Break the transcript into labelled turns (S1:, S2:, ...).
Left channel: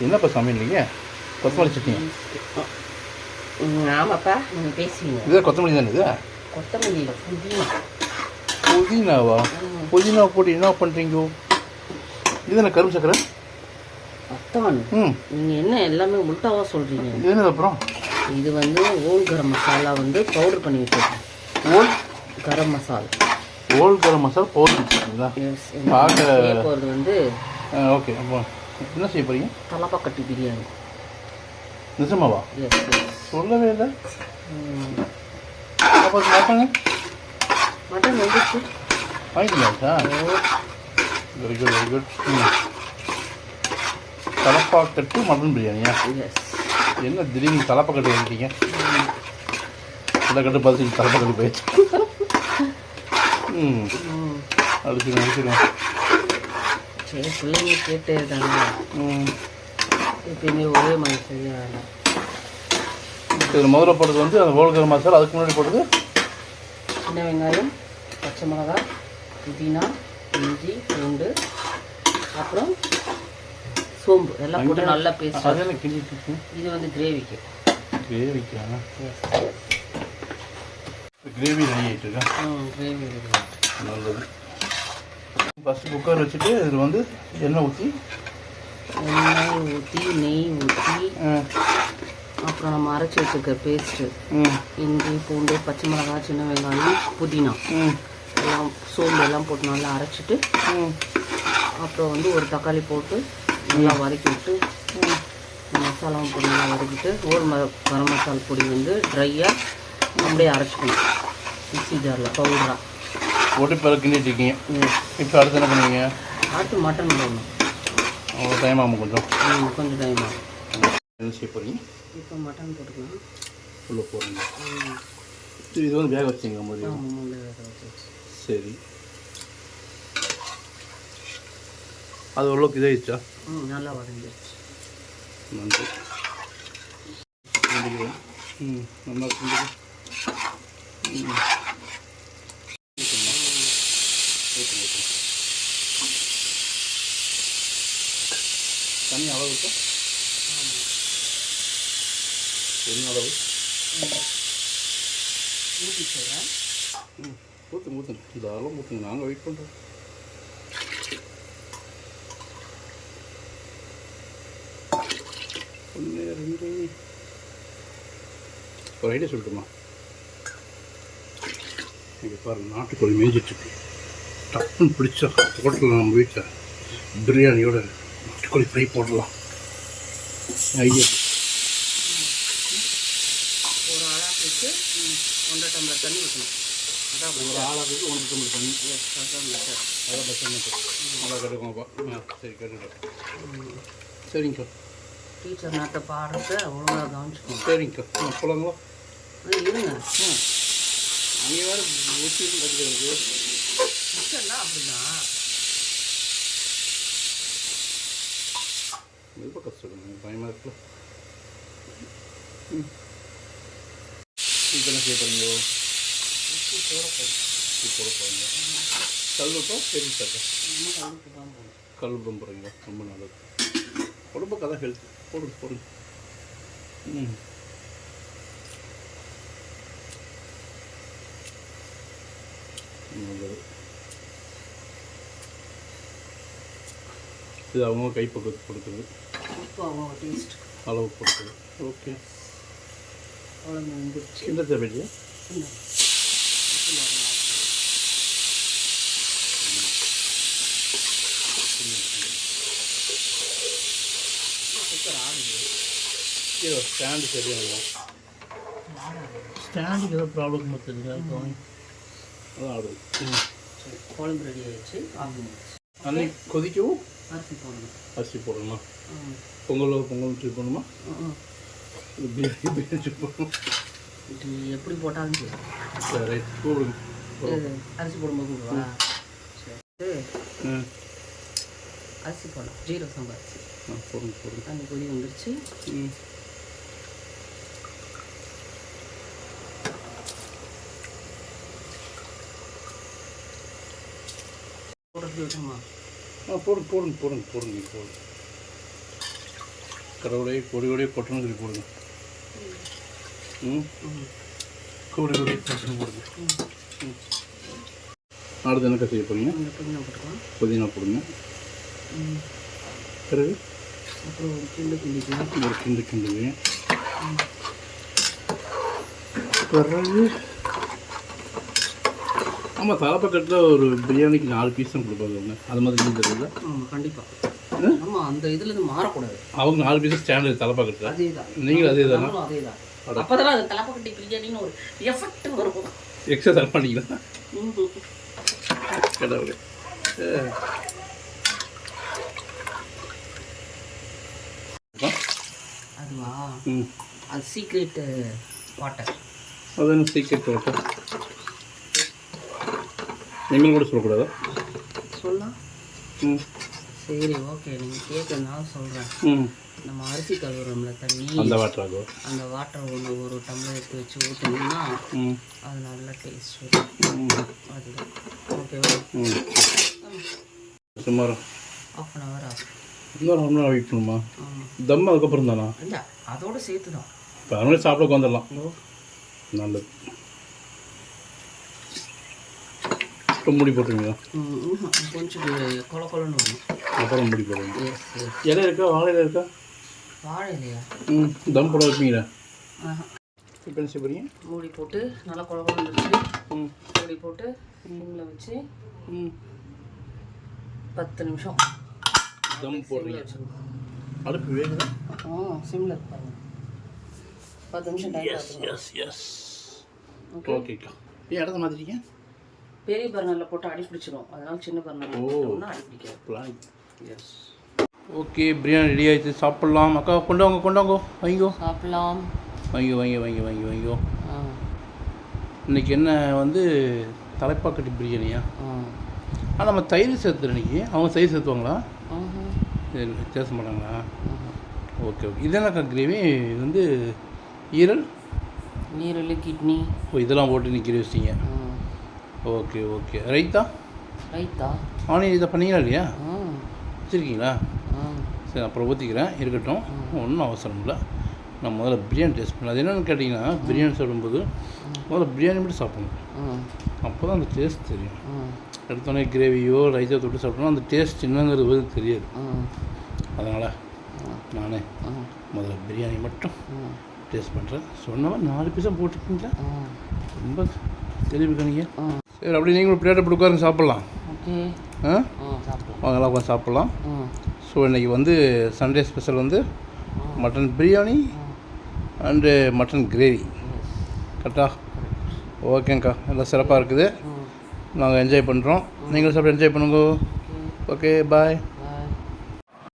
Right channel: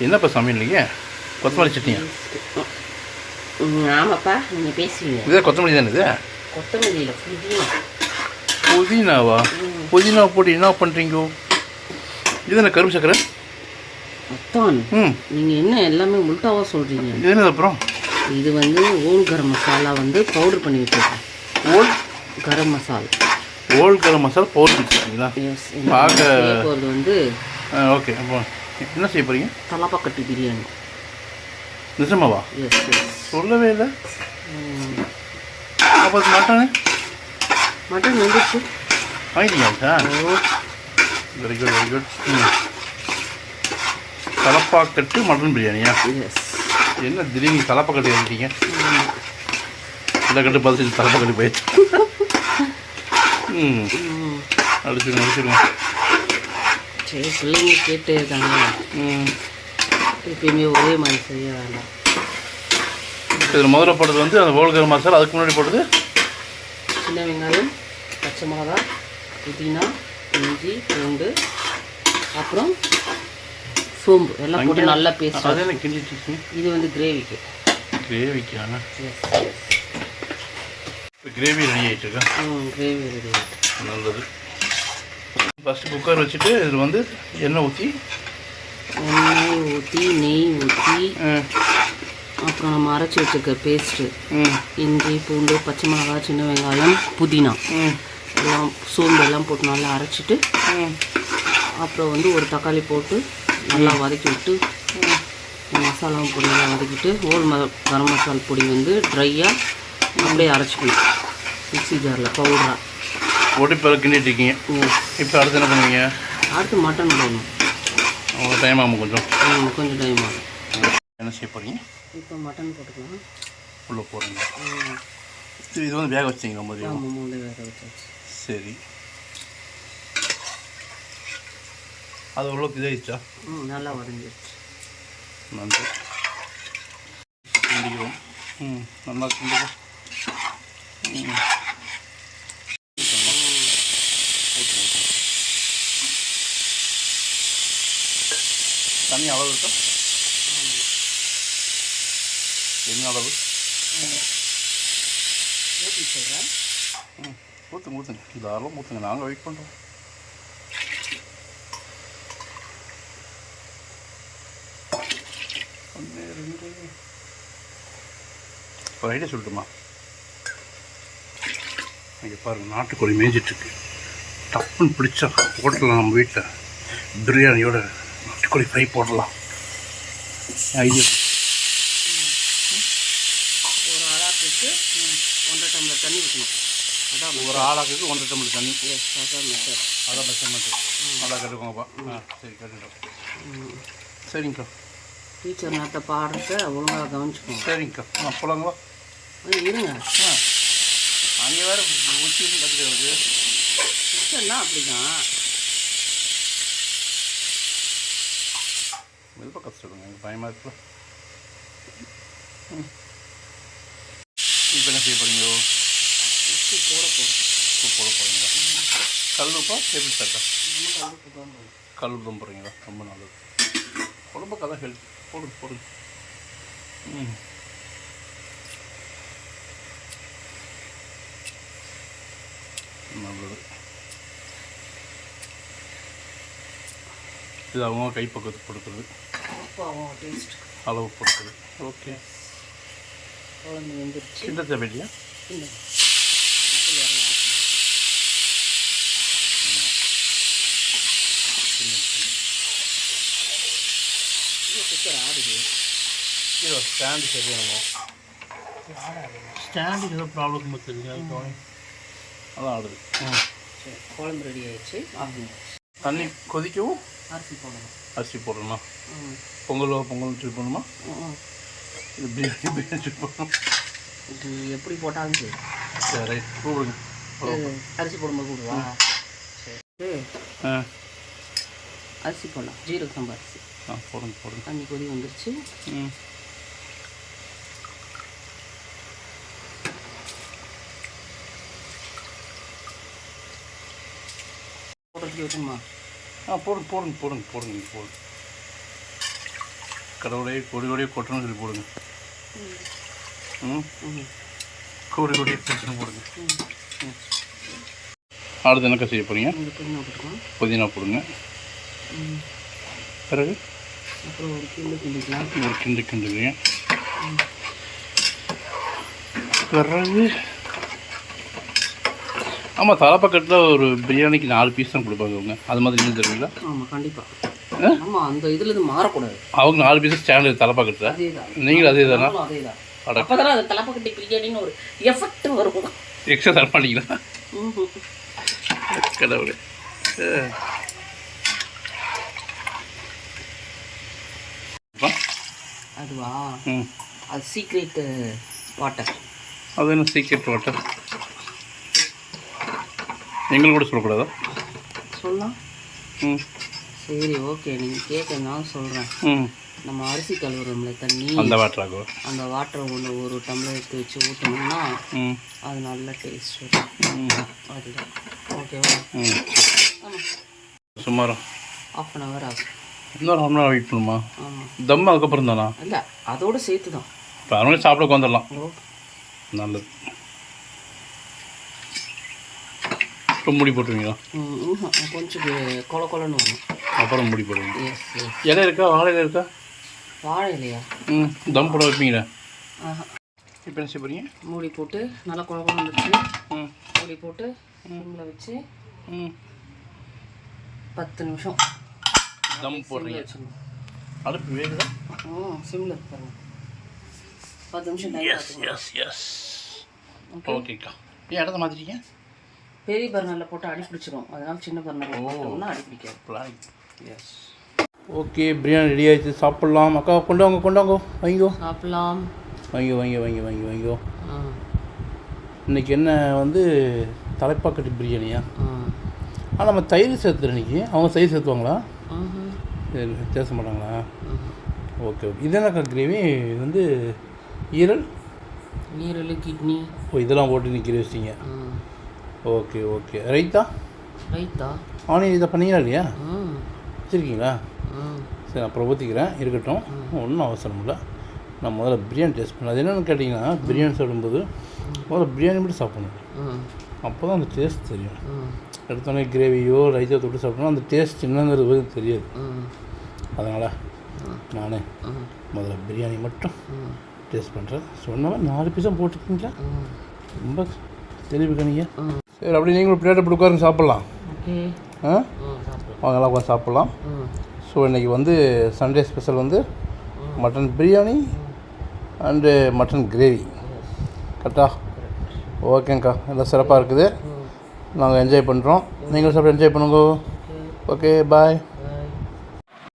S1: என்னப்பா சமையல் கொத்தமல்லி சட்னியா?
S2: ஆமாப்பா நீங்கள் பேசுவீங்க
S1: இதே கொத்தமல்லி தானே இது?
S2: கொத்தமல்லியில் புதினா.
S1: புதினாவா? புதினா போட்டு என்ன பண்ணுறீங்க இது என்ன கரும்பு சக்கரை?
S2: மொத்தம்.
S1: ம்.
S2: நீங்கள் என்ன எல்லாமே உள்டாவாக சொல்கிறீங்க
S1: இது என்னது அப்புறம்?
S2: இது வந்து ஓல் கரம் மசாலா வந்து பவுடர் பண்ணி வச்சுருக்கேன்.
S1: Whole?
S2: Garam masala.
S1: Whole garam masala powder வச்சுருக்கீங்களா? பார்க்க-
S2: வந்து
S1: ஓகே அப்போ என்ன செய்ய போகிறீங்க
S2: தலப்பாக்கட்டி பிரியாணி.
S1: நிஜமாவா? சொல்லவே இல்லை. அப்போ மட்டனு?
S2: மட்டன் வந்துச்சு.
S1: வாங்கிட்டீங்களா sir very good very good Thalappakatti mutton பிரியாணியா? என்ன திடீர்னு தலப்பாக்கட்டு எழுதிட்டீங்க கட்டு பதிச்சு தலப்பாக்கட்டு போயிடுச்சு ம். அடிச்சுடுங்க அடிச்சுடுங்க
S2: சரி பிள்ளைங்க கேட்டு இருக்காங்க. எப்பயுமே ஒரே மாதிரி செய்ய வேண்டாம்
S1: இதில் முதல்ல போட்டது வந்து அந்த ஓல்கர மசாலா அதுக்கு முன்னாடி போட்டது
S2: சின்ன வெங்காயம் பச்சை மிளகா புதினா இஞ்சி பூண்டு அப்புறம் சோம்பு. எல்லாம் போட்டு நல்லா பேஸ்ட்
S1: அது என்ன கிண்டிட்டு
S2: இது வந்து கிரேவிக்கு.
S1: கிரேவிக்கான
S2: எஸ்
S1: இப்போ கிரேவி ரெடி ஆகிட்டு இருக்கா?
S2: ம் கிரேவி ரெடி
S1: நல்லது. ஃபஸ்ட்டு குக்கர் வச்சுட்டு இதில் வந்து எண்ணெய் ஊற்றி
S2: எண்ணெய் ஊற்றி நெய் ஊற்றி அப்புறம் நம்ம அரைச்சி வச்சுருக்க பேஸ்ட்டு இஞ்சி பூண்டு பச்சை மிளகாய் சின்ன வெங்காயம் புதினா. எல்லாம் சோம்பு எல்லாம் போட்டு நல்லா அரைச்சிட்டு அப்புறம் வந்து ஒரு தக்காளி போட்டு நல்லா வதக்கி விட்டு மசாலா பொடி நல்லா வதக்கிட்டு ஒரு கரம் மசாலா பொடி வந்து ட்ரையாக அப்படியே அரைச்சிக்கணும். மிக்ஸி ஜாரில் பவுடராக
S1: பிற கிண்டிட்டு இருக்கீங்க இப்போ அடுத்து என்ன பண்ணுவீங்க?
S2: அடுத்து மட்டன் போடணும்
S1: அவ்வளோ டைம் ஆகும் கொஞ்சம்?
S2: கொஞ்சம் டைம் ஆகும்.
S1: என்ன செய்ய போகிறீங்க
S2: இப்போ மட்டன் போட்டுக்கணும்.
S1: உள்ளே போடுறீங்க இது இது வந்து வேக வச்சிங்களா
S2: வச்சாச்சு
S1: சரி. அது ஓரளவுக்கு இதாகிடுச்சா
S2: ம் நல்லா வதங்கிடுச்சு.
S1: நன்றி. கிண்டிக்கிறோம் ம் நல்லா கிண்டிக்கும் ம் ஊற்றணுமா ஊற்றுங்க ஊற்றுங்க தண்ணி அளவு இருக்கா? என்ன அளவு?
S2: ஊற்றி சொல்கிறேன்
S1: ம் ஊற்றுங்க ஊற்றுங்க தாராளம் ஊற்றுங்க நாங்கள் வெயிட் பண்ணுறோம் ஒன்று ரெண்டு. ஒரு ஐடியா சொல்லட்டுமா? இங்கே பாருங்கள் நாட்டுக்கோழி மேய்ஞ்சிட்ருக்கு டப்புன்னு பிடிச்சா ஹோட்டலில் நம்ம வீட்டில் பிரியாணியோட நாட்டுக்கோழி ஃப்ரை போடலாம். ஐடியா.
S2: ஒரு அளாக்கு ஒன்றரை டம்ளர் தண்ணி. ஊற்றணும்
S1: ஒரு ஆளாக்கு ஒன்றரை டம்ளர் தண்ணி
S2: அதான்.
S1: அதான் மெஷர்மெண்ட்டு நல்லா கட்டுக்கோங்கப்பா ஆ சரி கட்டுட்டோம் சரிங்கக்கா
S2: டீச்சர் நேரத்தை பாடுறத ஒழுங்காக கவனிச்சுக்கணும்
S1: சரிங்கக்கா ஆ போலாங்களா?
S2: ம், இருங்க.
S1: ஆ. அங்கே வேறு கற்றுக்கிறது
S2: டீச்சர்னா அப்படிதான்.
S1: மெதுவாக கற்றுடுங்க எனக்கு பயமாக இருக்குல்ல. இப்போ என்ன செய்ய போகிறீங்க
S2: உப்பு போட போகும்
S1: உப்பு போட கல் டேபிள் கல் போகிறீங்களா ரொம்ப நல்லது. உடம்புக்கு அதான் ஹெல்த் போடுங்க போடுங்க. ம் நல்லது இது அவங்க கைப்பக்குவத்துக்கு கொடுக்குறது. அளவு கொடுக்குறது. ஓகே கிண்ட தேவையில்லையா.
S2: இது
S1: ஸ்டாண்டு சரியாகும் ஸ்டாண்டுக்கு ஏதோ ப்ராப்ளம் பார்த்துருங்க அதான் ஆடுது.
S2: குழம்பு ரெடி ஆயிடுச்சு.
S1: தண்ணி கொதிக்கவும்
S2: அரிசி போடணும்.
S1: அரிசி போடணுமா? பொங்கலோ பொங்கல் ட்ரிப் பண்ணணுமா இது பிரியாணி பிரியாணி ட்ரிப் பண்ணணும்
S2: இது எப்படி போட்டாலும் சரி.
S1: சரி ரைட் கூப்பிடுங்க.
S2: அரிசி போடும்போது கூடுவா சரி.
S1: ஆ.
S2: அரிசி போடலாம் ஜீரக சம்பா அரிசி.
S1: ஆ போடுங்க போடுங்க.
S2: தண்ணி கொதி வந்துருச்சு.
S1: ம்.
S2: போடுறது விட்டுமா
S1: ஆ போடுங்க போடுங்க போடுங்க போடுங்க நீங்கள் போடுங்க. கடவுளே கொடி கொடியே கொட்டணும் சொல்லி போடுங்க. ம்? கோடி கோடியே கொட்டணும் போடுங்க. ம். அடுத்து என்னக்கா செய்ய போகிறீங்க
S2: புதினா
S1: போடுங்க. பிறகு?
S2: அப்புறம் ஒரு கிண்டு கிண்டிக்கலாம்
S1: ஒரு கிண்டு கிண்டுங்க பிறகு? ஆமாம் தலைப்பக்கத்தில் ஒரு பிரியாணிக்கு நாலு பீஸ் தான் கொடுப்பாங்க அவங்க அது மாதிரி நீங்கள் தருவீங்களா
S2: ஆமாம் கண்டிப்பாக? ஆமாம் அந்த இதுலேருந்து மாறக்கூடாது.
S1: அவங்க நாலு பீஸ் ஸ்டாண்டர்ட் தலைப்பக்கத்தில். நீங்களும் அதே தானா?
S2: அதே தான். அப்போ தானே அது தலைப்பக்கட்டி பிரியாணின்னு ஒரு எஃபெக்ட் வரும்.
S1: எக்ஸ்ட்ரா தர
S2: ம்
S1: கடவுளே.
S2: அதுவா? அது சீக்ரெட் வாட்டர்
S1: அது என்ன சீக்கிரம் வாட்டர் எங்களுக்கு கூட சொல்லக்கூடாதா?
S2: சொல்லலாம்
S1: ம்.
S2: சரி ஓகே. நீங்கள் கேட்க நான் சொல்கிறேன்
S1: ம்.
S2: நம்ம அரிசி கழுவுறோம்ல தண்ணி.
S1: அந்த வாட்டராகோ
S2: அந்த வாட்டரை ஒன்று ஒரு டம்ளர் எடுத்து வச்சு ஊற்றினோம்னா
S1: ம்.
S2: அது நல்ல டேஸ்ட் வரும். அதுதான். ஓகேவா?
S1: ம். சுமார்.
S2: ஆஃப் அன் ஹவர் ஆகும்.
S1: இன்னொரு ஹாஃப் வெயிட் பண்ணுமா? தம் அதுக்கப்புறம் தானா
S2: இல்லை அதோட சேர்த்து தான்
S1: இப்போ அவங்களே சாப்பிட வந்துடலாம் நல்லது. இப்போ முடி போட்டுருவீங்களா.
S2: கொஞ்சம் கொல கொலன்னு
S1: அப்புறம் முடி போடுவீங்க. இலை இருக்கா? வாழை இலை இருக்கா?
S2: வாழை இல்லையா
S1: ம் தம் போட வைப்பீங்களா. இப்போ என்ன செய்ய
S2: மூடி போட்டு நல்லா கொல கொலன்னு வச்சு
S1: ம்.
S2: மூடி போட்டு சிம்மில் வச்சு
S1: ம்.
S2: பத்து நிமிஷம்
S1: தம் போடுறீங்க. அடுப்பு வேகுதா?
S2: ஆ சிம்மில் இருப்பாங்க பத்து நிமிஷம்
S1: எஸ் எஸ் எஸ் ஓகேக்கா ஏன் இடத்த மாற்றிட்டீங்க
S2: பெரிய பர்னரில் போட்டு அடி பிடிச்சிரும் அதனால சின்ன பர்னரில்
S1: ஓ.
S2: போட்டோம்னா அடி பிடிக்காது
S1: planning
S2: yes
S1: okay biryani ready ஆயிடுச்சு. சாப்பிட்லாம். அக்கா கொண்டு வாங்க கொண்டு வாங்க. வாங்கிக்கோ.
S2: சாப்பிடலாம்.
S1: வாங்கி வாங்கி வாங்கி வாங்கி வாங்கிக்கோ. இன்றைக்கி என்ன வந்து தலைப்பாக்கட்டு பிரியாணியா?
S2: ஆ.
S1: ஆ நம்ம தயிர் சேர்த்துறோம் இன்னைக்கு. அவங்க தயிர் சேர்த்துவாங்களா. சரி, பேச மாட்டாங்களா. Okay okay. இது என்னக்கா கிரேவி இது வந்து ஈரல்?
S2: நீரில் கிட்னி.
S1: ஓ இதெல்லாம் போட்டு இன்னைக்கு கிரேவி வச்சிங்க okay okay. Raita?
S2: Raita?
S1: Onion இதை பண்ணீங்களா இல்லையா? வச்சுருக்கீங்களா? சரி அப்புறம் ஊற்றிக்கிறேன் இருக்கட்டும். ஒன்றும் அவசரம் இல்லை. நான் முதல்ல பிரியாணி டேஸ்ட் பண்ணேன் அது என்னென்னு கேட்டிங்கன்னா பிரியாணி சாப்பிடும்போது முதல்ல பிரியாணி மட்டும் சாப்பிடணும். அப்போ தான் அந்த டேஸ்ட் தெரியும். எடுத்தோடனே கிரேவியோ ரைத்தோ தொட்டு சாப்பிட்டோம்னா அந்த டேஸ்ட் என்னங்கிறது தெரியாது. அதனால். நானே முதல்ல பிரியாணி மட்டும் டேஸ்ட் பண்ணுறேன் சொன்ன மாதிரி நாலு பீஸாக போட்டுருக்கீங்களா? ரொம்ப தெளிவு கணிங்க. சரி அப்படி நீங்களும் பிளேட்டை போட்டு உட்காருங்க சாப்பிட்லாம். ஆ? வாங்கலாம் உட்காந்து சாப்பிட்லாம். ஸோ இன்றைக்கி வந்து சண்டே ஸ்பெஷல் வந்து mutton biryani and mutton gravy கரெக்டா ஓகேங்க்கா எல்லாம் சிறப்பாக இருக்குது. நாங்கள் என்ஜாய் பண்ணுறோம் நீங்களும் சாப்பிட்டு என்ஜாய் பண்ணுங்க. Okay bye